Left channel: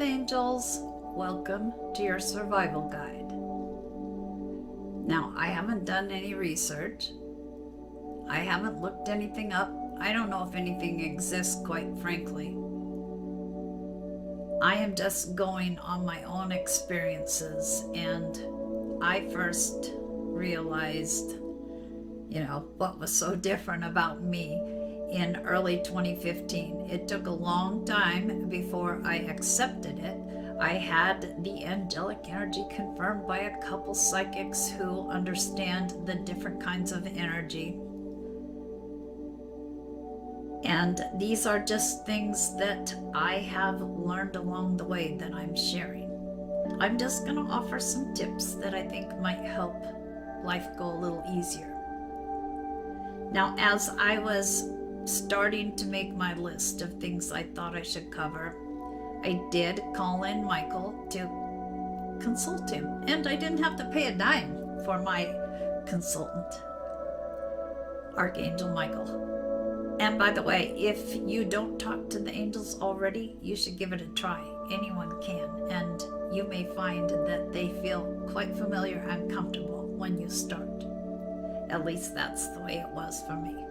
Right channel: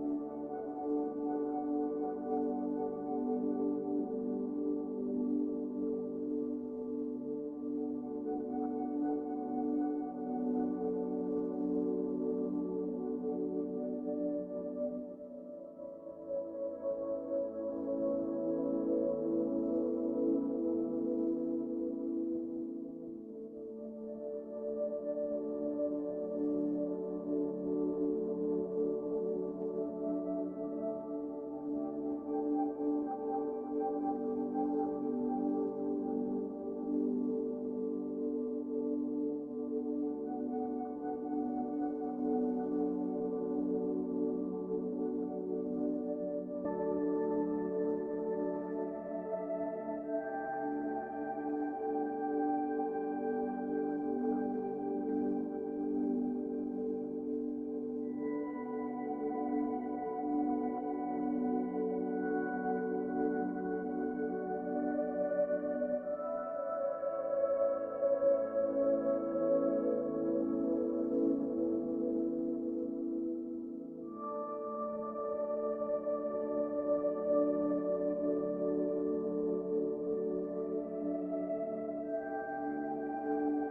Earth Angels, welcome to your survival guide. Now, I haven't done any research. I haven't looked anything up. I don't know if anything exists, quite frankly. I am just going on my own experiences, and I first realized, what was so different about me in early 2015. It took a long time before I accepted it. I had the angelic energy confirmed by a couple psychics who understand the different kinds of energy. And these are just things that I have learned along the way that I'm sharing. I'm just going to offer some tips that I think might help life go a little easier. Now, as I was starting to make my list of things I thought I should cover, I did call in Michael to consult him, and I didn't have to pay a dime for my consultant, Archangel Michael. And by the way, if you don't talk to the angels already, you should give it a try. Anyone can, and you may find that they feel quite familiar and comfortable when you start. At least that's the way it was for me.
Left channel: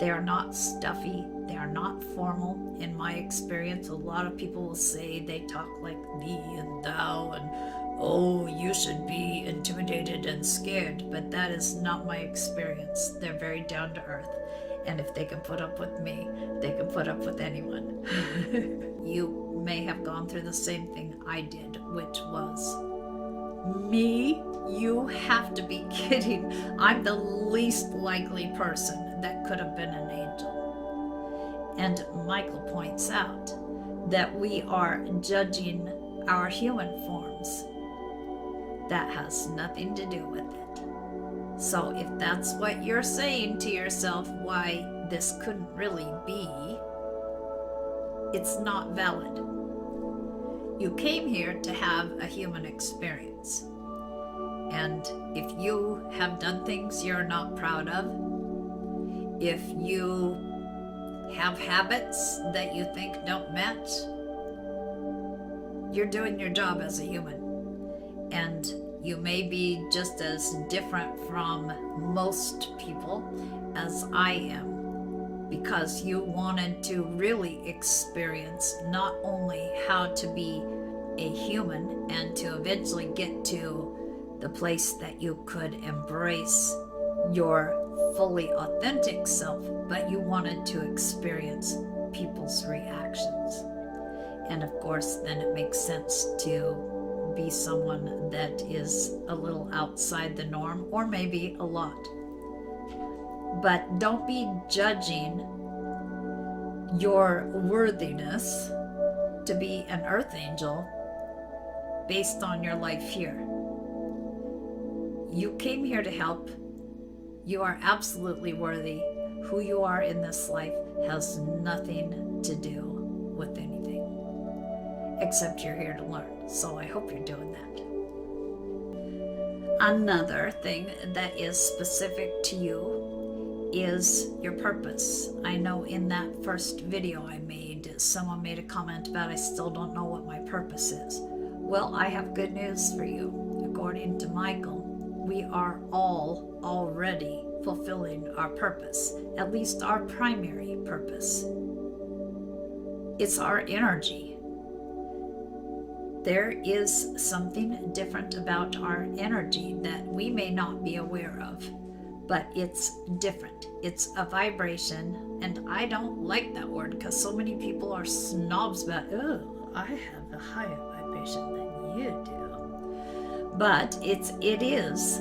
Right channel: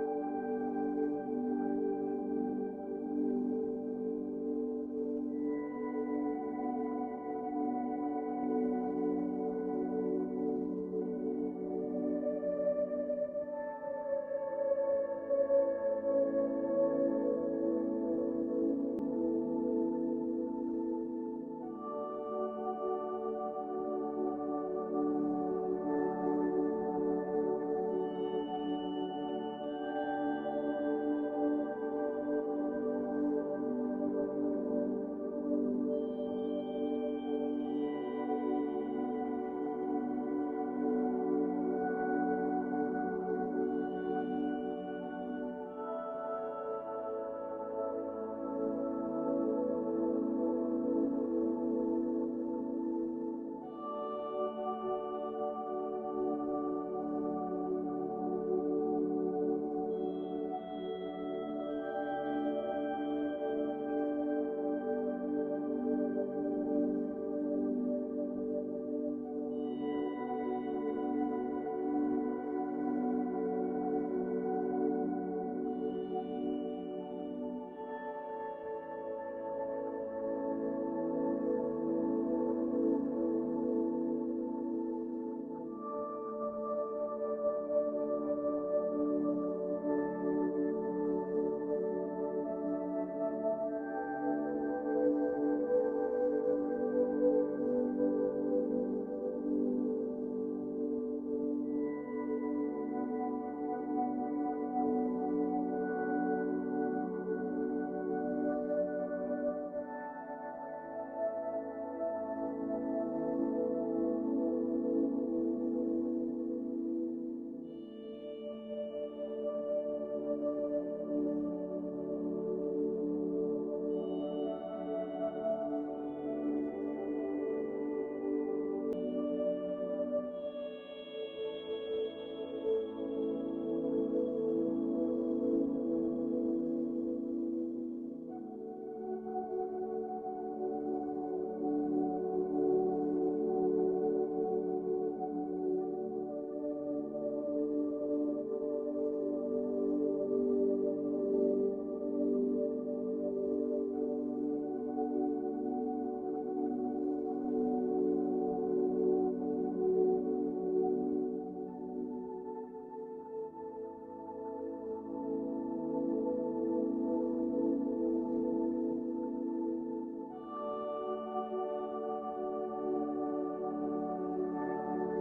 They are not stuffy, they are not formal. In my experience, a lot of people will say they talk like thee and thou, and oh, you should be intimidated and scared, but that is not my experience. They're very down to earth, and if they can put up with me, they can put up with anyone. You may have gone through the same thing I did, which was, me? You have to be kidding. I'm the least likely person that could have been an angel. And Michael points out that we are judging our human forms. That has nothing to do with it. So if that's what you're saying to yourself, why this couldn't really be, it's not valid. You came here to have a human experience. And if you have done things you're not proud of, if you have habits that you think don't match, you're doing your job as a human. And you may be just as different from most people as I am, because you wanted to really experience not only how to be a human and to eventually get to the place that you could embrace your fully authentic self, but you wanted to experience people's reactions. And of course, then it makes sense to be someone that is a little outside the norm, or maybe a lot. But don't be judging your worthiness to be an earth angel based on your life here. You came here to help. You are absolutely worthy. Who you are in this life has nothing to do with anything, except you're here to learn. So I hope you're doing that. Another thing that is specific to you is your purpose. I know in that first video I made, someone made a comment about I still don't know what my purpose is. Well, I have good news for you. According to Michael, we are all already fulfilling our purpose, at least our primary purpose. It's our energy. There is something different about our energy that we may not be aware of, but it's different. It's a vibration, and I don't like that word because so many people are snobs about, oh, I have a higher vibration than you do. But it is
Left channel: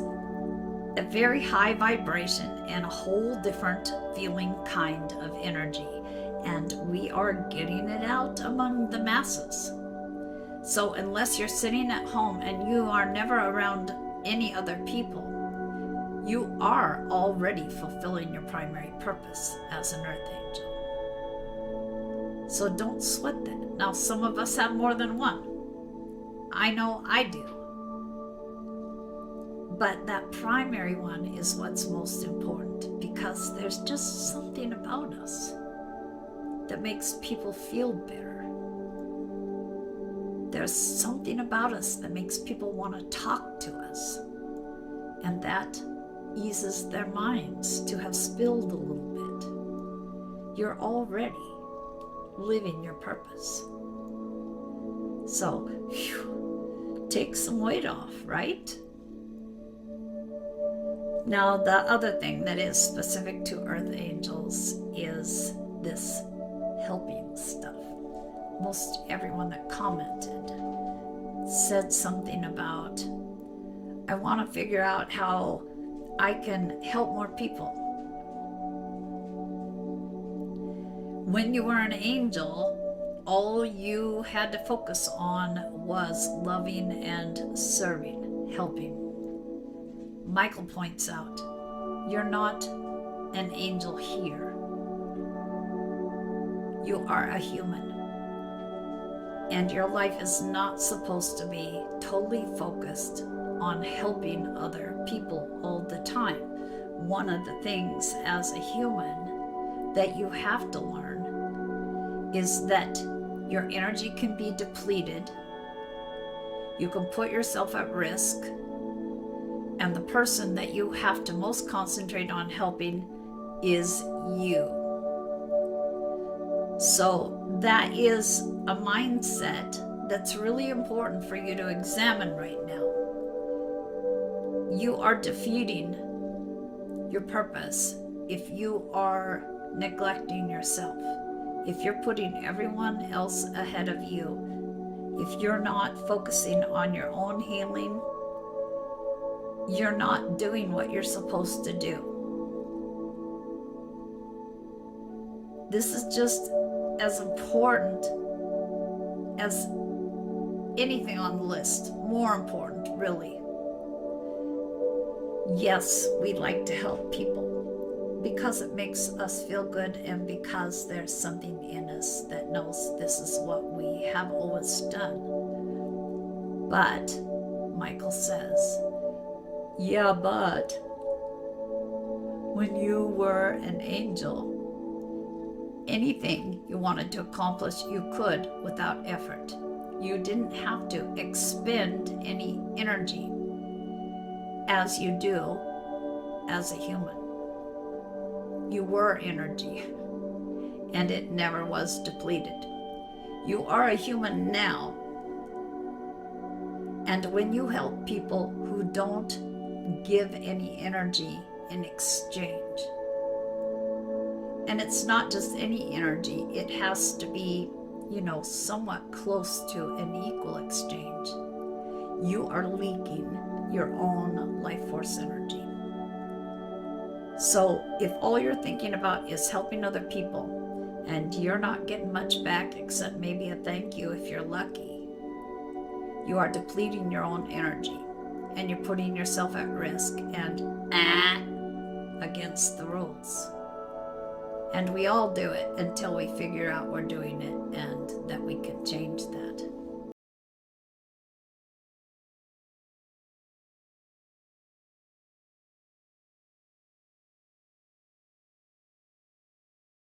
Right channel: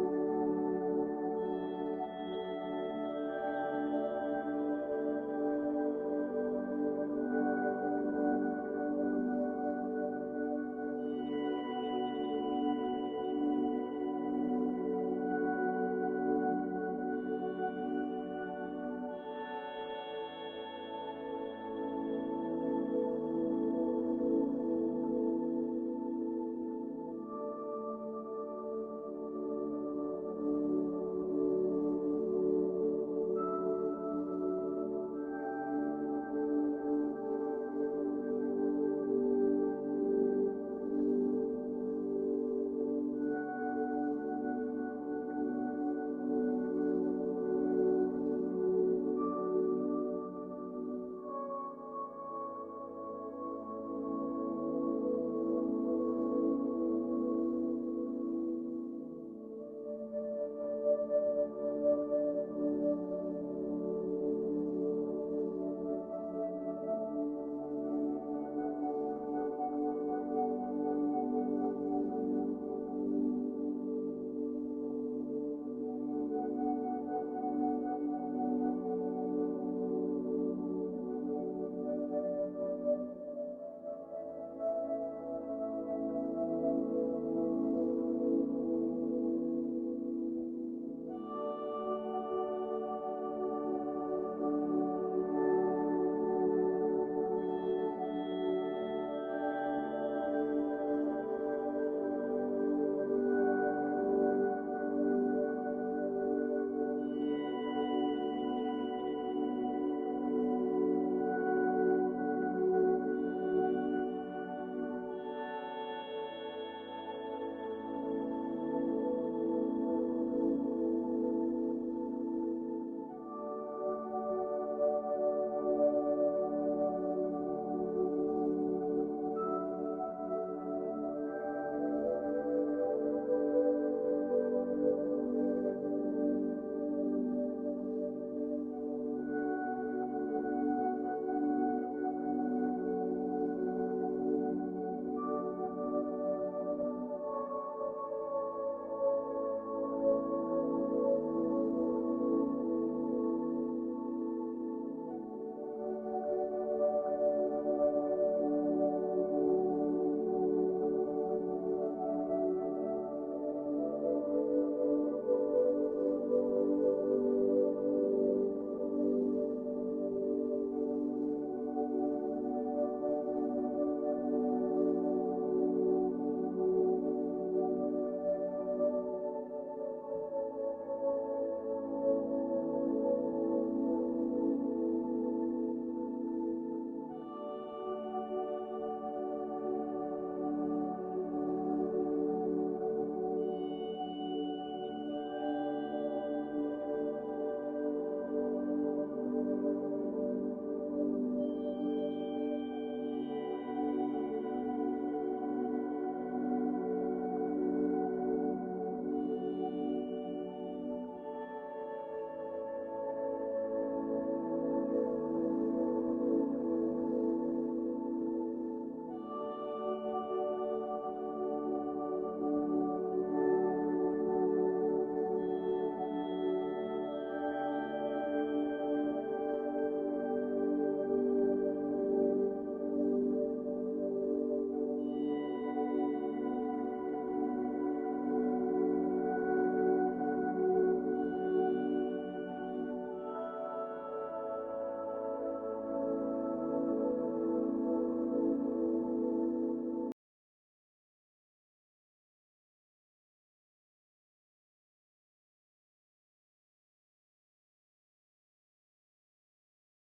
a very high vibration and a whole different feeling kind of energy. And we are getting it out among the masses. So unless you're sitting at home and you are never around any other people, you are already fulfilling your primary purpose as an earth angel. So don't sweat that. Now, some of us have more than one. I know I do. But that primary one is what's most important, because there's just something about us that makes people feel better. is something about us that makes people want to talk to us. And that eases their minds to have spilled a little bit. You're already living your purpose. So, take some weight off, right? Now, the other thing that is specific to Earth Angels is this helping stuff. Most everyone that commented said something about, I want to figure out how I can help more people. When you were an angel, all you had to focus on was loving and serving, helping. Michael points out, you're not an angel here. You are a human. And your life is not supposed to be totally focused on helping other people all the time. One of the things as a human that you have to learn is that your energy can be depleted. You can put yourself at risk. And the person that you have to most concentrate on helping is you. So that is a mindset that's really important for you to examine right now. You are defeating your purpose if you are neglecting yourself, if you're putting everyone else ahead of you, if you're not focusing on your own healing, you're not doing what you're supposed to do. This is just as important as anything on the list, more important, really. Yes, we like to help people because it makes us feel good and because there's something in us that knows this is what we have always done. But Michael says, yeah, but when you were an angel, anything you wanted to accomplish, you could without effort. You didn't have to expend any energy as you do as a human. You were energy, and it never was depleted. You are a human now, and when you help people who don't give any energy in exchange, and it's not just any energy, it has to be, somewhat close to an equal exchange. You are leaking your own life force energy. So if all you're thinking about is helping other people and you're not getting much back except maybe a thank you if you're lucky, you are depleting your own energy and you're putting yourself at risk and against the rules. And we all do it until we figure out we're doing